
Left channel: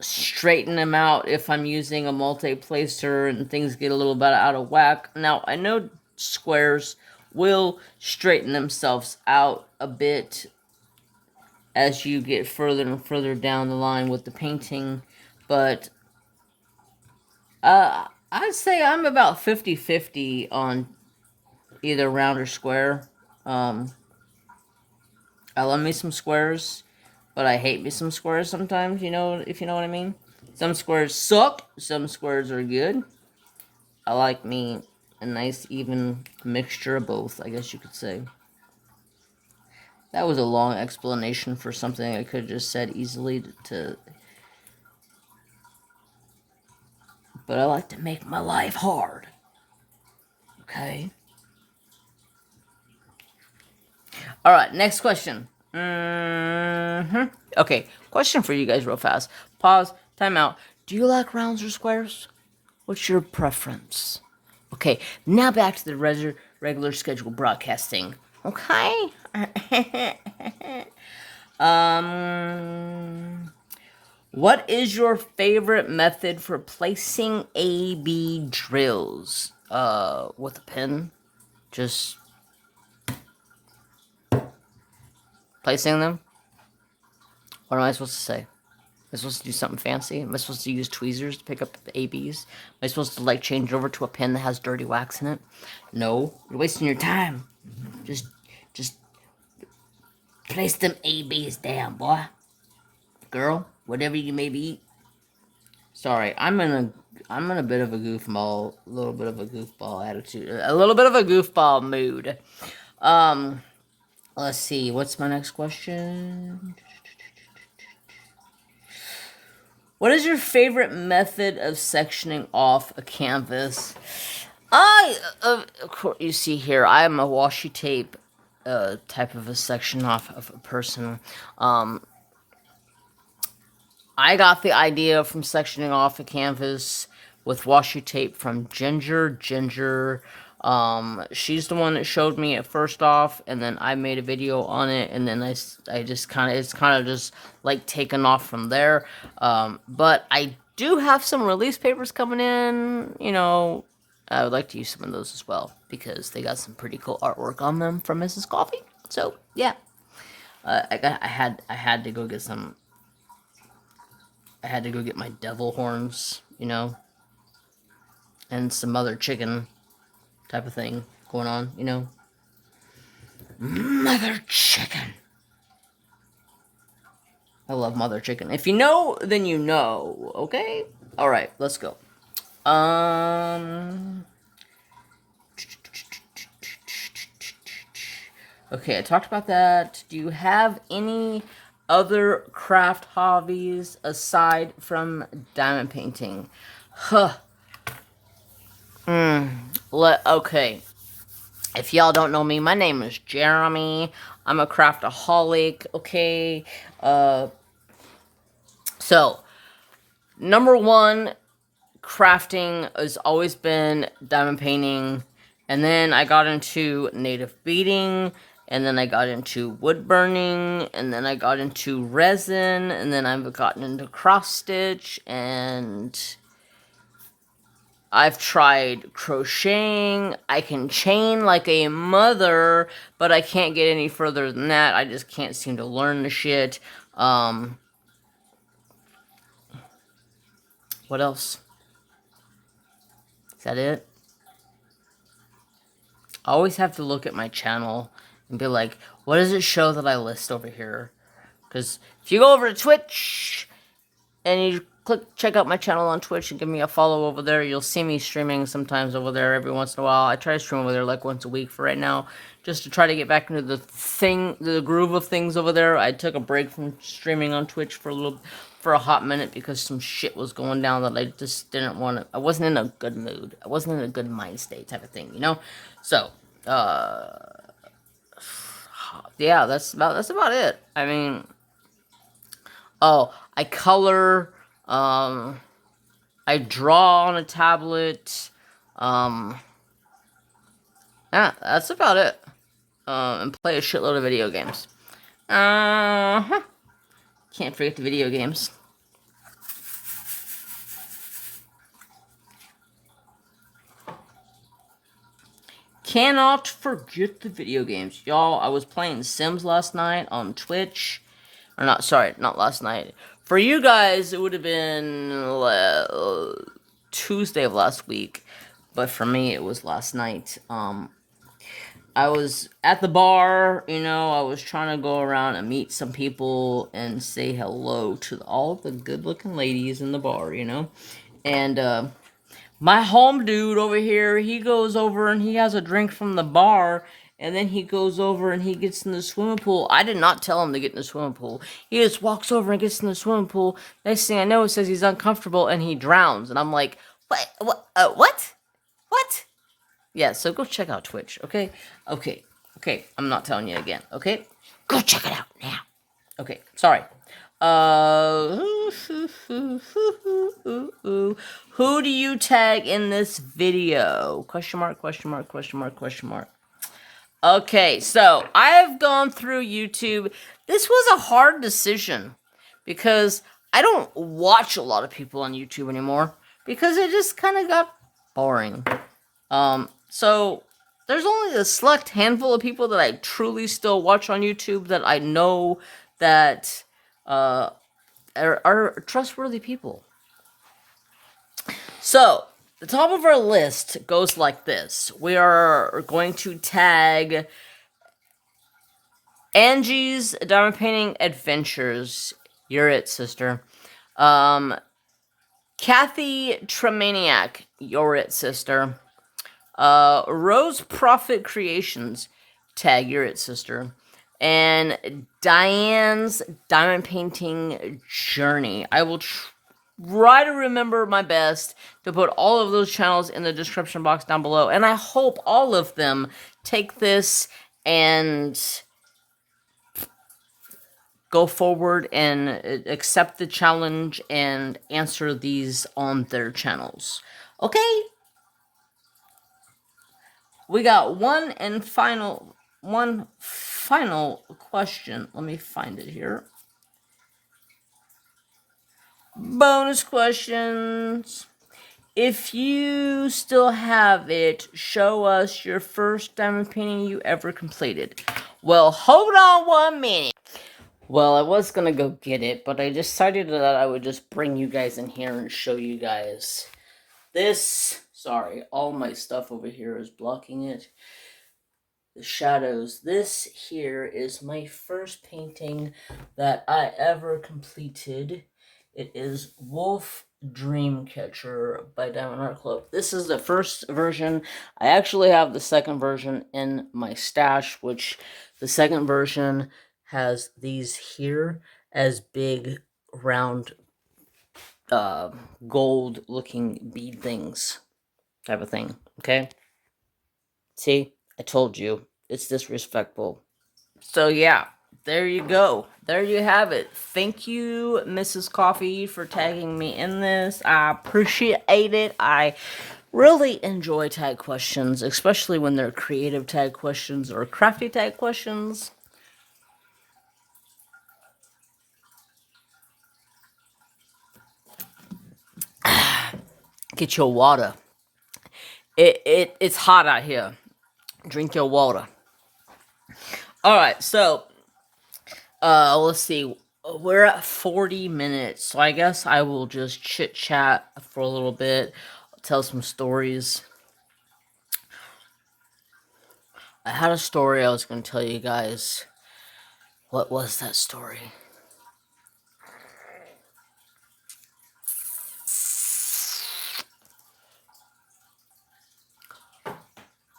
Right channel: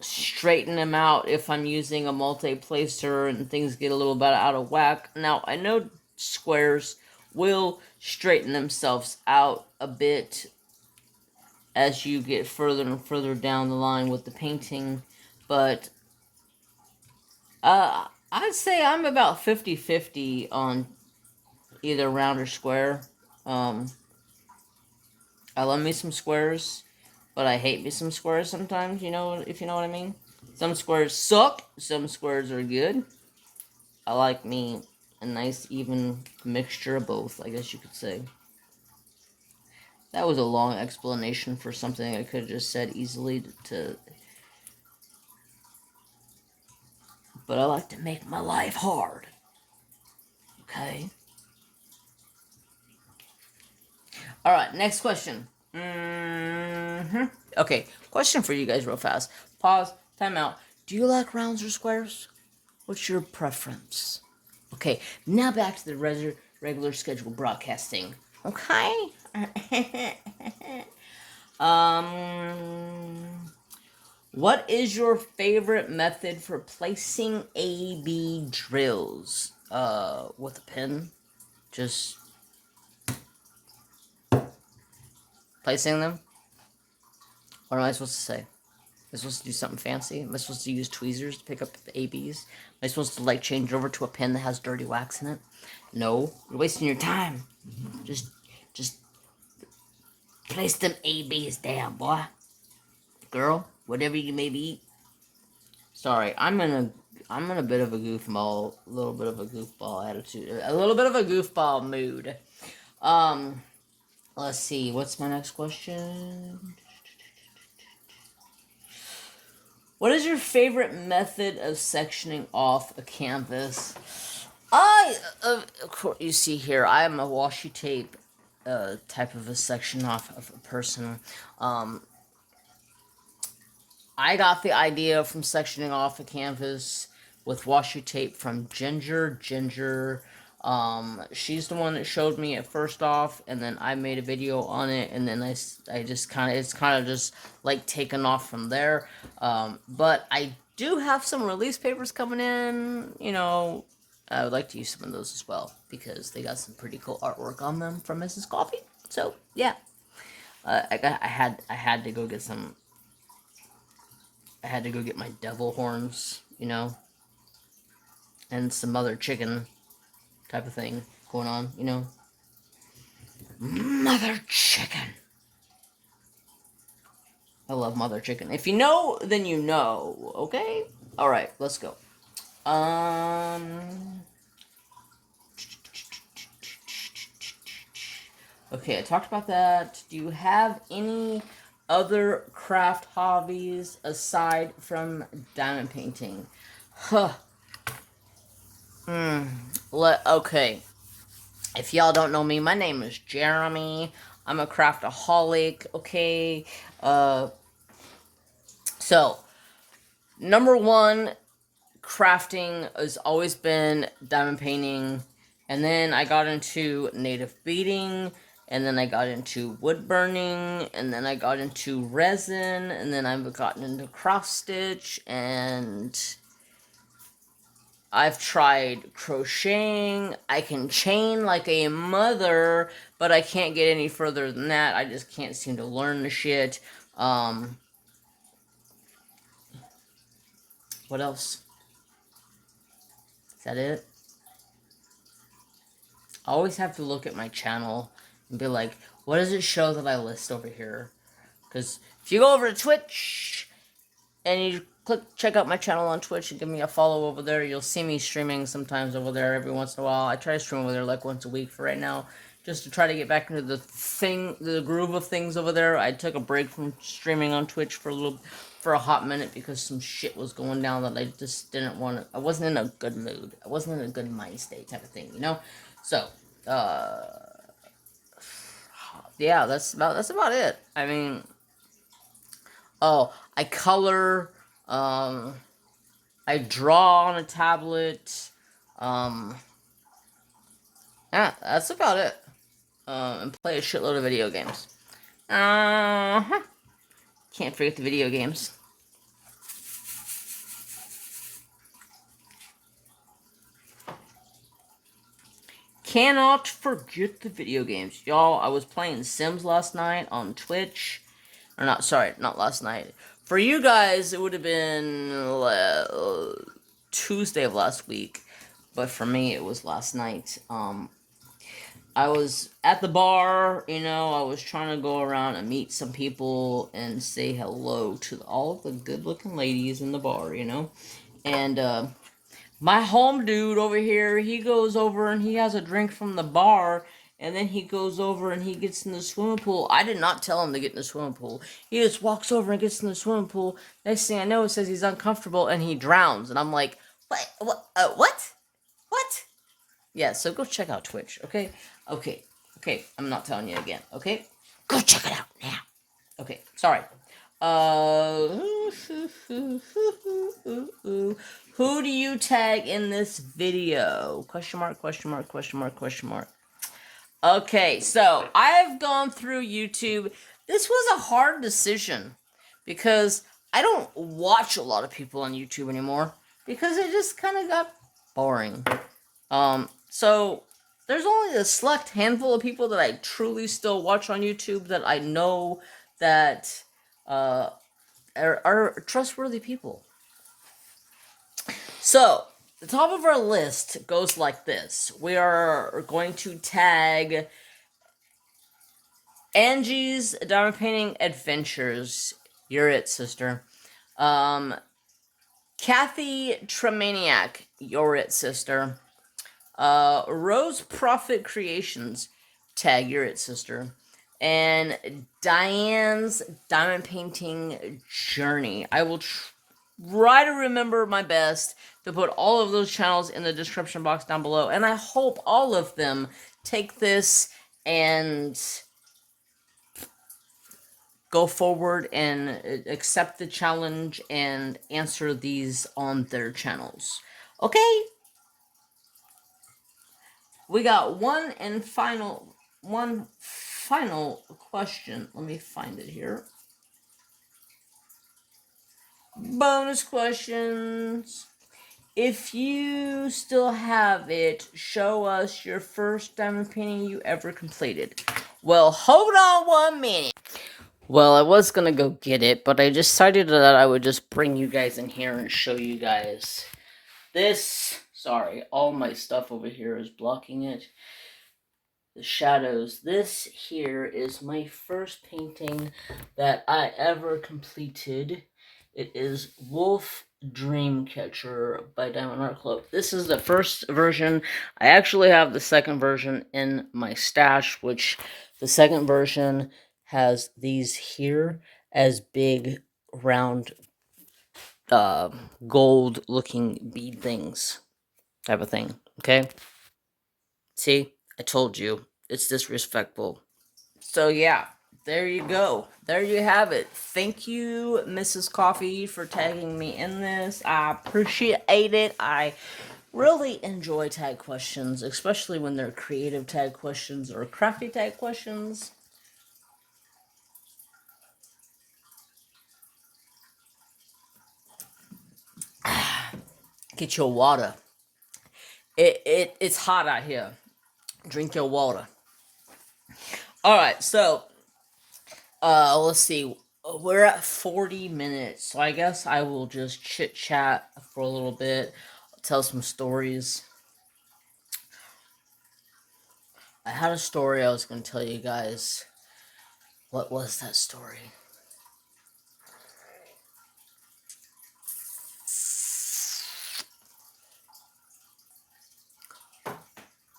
straighten them out if I'm using a multi-placer and things get a little bit out of whack. Now, I know squares will straighten themselves out a bit as you get further and further down the line with the painting, but I'd say I'm about 50-50 on either round or square. I love me some squares, but I hate me some squares sometimes, you know, if you know what I mean. Some squares suck, some squares are good. I like me a nice even mixture of both, I guess you could say. That was a long explanation for something I could have just said easily but I like to make my life hard. Okay? Alright, next question. Okay, question for you guys real fast. Pause, time out. Do you like rounds or squares? What's your preference? Okay, now back to the regular scheduled broadcasting. Okay? What is your favorite method for placing A-B drills? With a pen? Just placing them? What am I supposed to say? Am I supposed to do something fancy? Am I supposed to use tweezers to pick up the ABs? Am I supposed to, like, change over to a pen that has dirty wax in it? No. You're wasting your time. Just place them ABs down, boy. Girl, whatever you may be. Sorry, I'm in a bit of a goofball, attitude. A little bit of a goofball mood. Let's see. What's my next question? What is your favorite method of sectioning off a canvas? Of course, you see here, I am a washi tape type of a section off of a person. I got the idea from sectioning off a canvas with washi tape from Ginger. She's the one that showed me it first off, and then I made a video on it, and then I just it's kind of just like taken off from there. But I do have some release papers coming in, you know. I would like to use some of those as well because they got some pretty cool artwork on them from Mrs. Coffee. So yeah, I had to go get some. I had to go get my devil horns, you know, and some other chicken type of thing going on, you know. Mother chicken. I love mother chicken. If you know, then you know, okay? Alright, let's go. Okay, I talked about that. Do you have any other craft hobbies aside from diamond painting? Okay. If y'all don't know me, my name is Jeremy. I'm a craftaholic, okay? So, number one, crafting has always been diamond painting. And then I got into native beading. And then I got into wood burning. And then I got into resin. And then I've gotten into cross stitch. And I've tried crocheting. I can chain like a mother, but I can't get any further than that. I just can't seem to learn the shit. What else? Is that it? I always have to look at my channel and be like, what does it show that I list over here? Because if you go over to Twitch and you check out my channel on Twitch and give me a follow over there, you'll see me streaming sometimes over there every once in a while. I try to stream over there like once a week for right now, just to try to get back into the groove of things over there. I took a break from streaming on Twitch for a hot minute because some shit was going down that I just didn't want to. I wasn't in a good mood. I wasn't in a good mind state type of thing, you know? So, yeah, that's about it. I mean, oh, I color, I draw on a tablet, yeah, that's about it. And play a shitload of video games. Can't forget the video games. Cannot forget the video games. Y'all, I was playing Sims last night on Twitch. Or not, sorry, not last night. For you guys, it would have been Tuesday of last week. But for me, it was last night. I was at the bar, you know, I was trying to go around and meet some people and say hello to all the good-looking ladies in the bar, you know. And, my home dude over here, he goes over and he has a drink from the bar, and then he goes over and he gets in the swimming pool. I did not tell him to get in the swimming pool. He just walks over and gets in the swimming pool. Next thing I know, it says he's uncomfortable and he drowns. And I'm like, what? What? Yeah, so go check out Twitch, okay? Okay, I'm not telling you again, okay? Go check it out now. Okay, sorry. Who do you tag in this video? Question mark, question mark, question mark, question mark. Okay, so I've gone through YouTube. This was a hard decision because I don't watch a lot of people on YouTube anymore because it just kind of got boring. So there's only a select handful of people that I truly still watch on YouTube that I know that are trustworthy people. So, the top of our list goes like this. We are going to tag Angie's Diamond Painting Adventures. You're it, sister. Kathy Tremaniac. You're it, sister. Rose Prophet Creations. Tag, you're it, sister. And Diane's Diamond Painting Journey. I will try to remember my best to put all of those channels in the description box down below. And I hope all of them take this and go forward and accept the challenge and answer these on their channels. Okay? We got one final question. Let me find it here. Bonus questions. If you still have it, show us your first diamond painting you ever completed. Well, hold on 1 minute. Well, I was gonna go get it, but I decided that I would just bring you guys in here and show you guys this. Sorry, all my stuff over here is blocking it. The shadows. This here is my first painting that I ever completed. It is Wolf Dreamcatcher by Diamond Art Club. This is the first version. I actually have the second version in my stash, which the second version has these here as big, round, gold-looking bead things type of thing, okay? See? I told you. It's disrespectful. So, yeah. There you go. There you have it. Thank you, Mrs. Coffee, for tagging me in this. I appreciate it. I really enjoy tag questions, especially when they're creative tag questions or crafty tag questions. Get your water. It's hot out here. Drink your water. Alright, so let's see. we're at 40 minutes, so I guess I will just chit chat for a little bit, tell some stories. I had a story I was going to tell you guys. What was that story?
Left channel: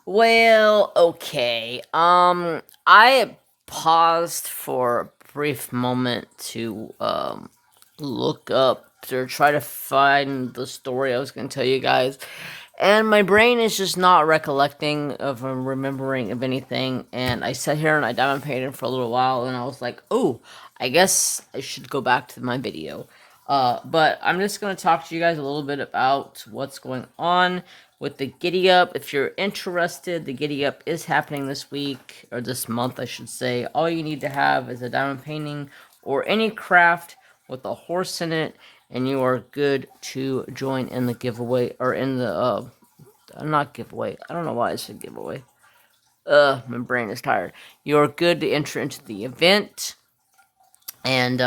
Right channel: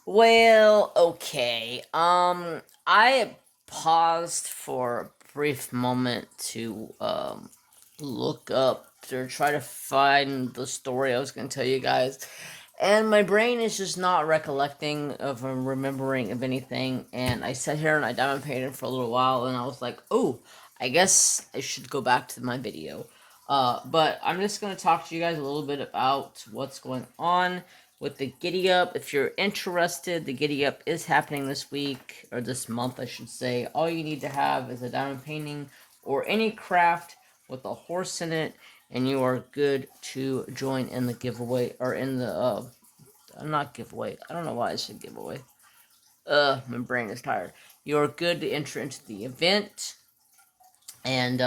Well, okay. I paused for a brief moment to look up or try to find the story I was going to tell you guys. And my brain is just not recollecting of remembering of anything. And I sat here and I diamond painted for a little while, and I was like, oh, I guess I should go back to my video. But I'm just going to talk to you guys a little bit about what's going on with the Giddy Up. If you're interested, the Giddy Up is happening this week, or this month, I should say. All you need to have is a diamond painting or any craft with a horse in it, and you are good to join in the giveaway, or in the, not giveaway. I don't know why I said giveaway. My brain is tired. You're good to enter into the event, and,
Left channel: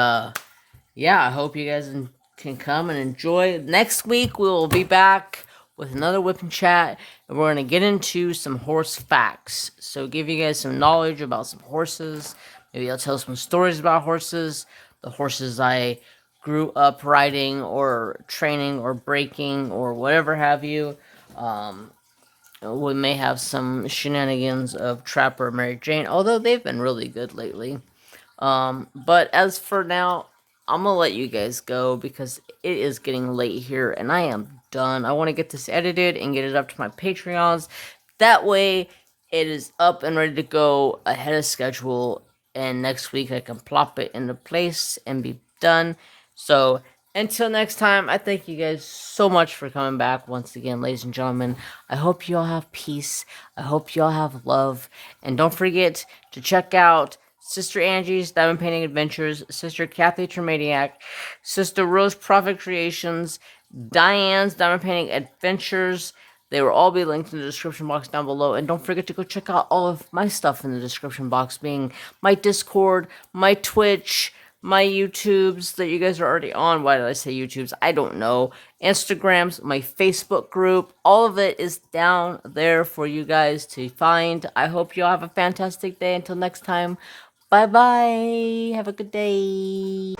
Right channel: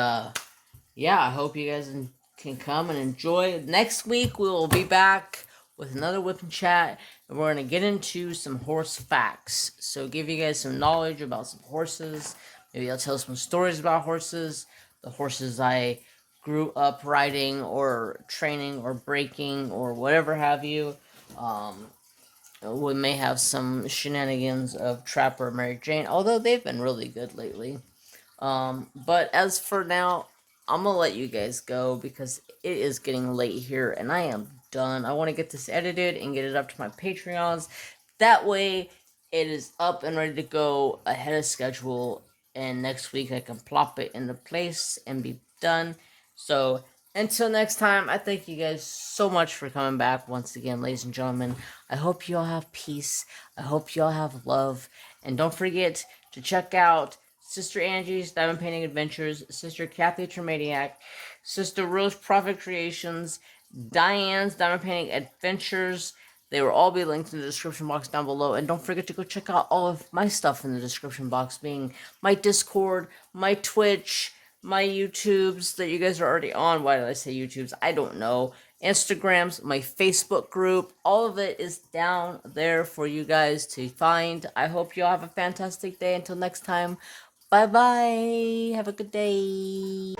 yeah, I hope you guys can come and enjoy. Next week, we will be back with another whip and chat, and we're going to get into some horse facts. So, give you guys some knowledge about some horses. Maybe I'll tell some stories about horses, the horses I grew up riding or training or breaking or whatever have you. We may have some shenanigans of Trapper and Mary Jane, although they've been really good lately. But as for now, I'm gonna let you guys go because it is getting late here and I am done. I want to get this edited and get it up to my Patreons. That way, it is up and ready to go ahead of schedule. And next week, I can plop it into place and be done. So, until next time, I thank you guys so much for coming back once again, ladies and gentlemen. I hope you all have peace. I hope you all have love. And don't forget to check out Sister Angie's Diamond Painting Adventures, Sister Kathy Tremadiac, Sister Rose Prophet Creations, Diane's Diamond Painting Adventures. They will all be linked in the description box down below. And don't forget to go check out all of my stuff in the description box, being my Discord, my Twitch, my YouTubes that you guys are already on. Why did I say YouTubes? I don't know. Instagrams, my Facebook group, all of it is down there for you guys to find. I hope you all have a fantastic day. Until next time, bye bye. Have a good day.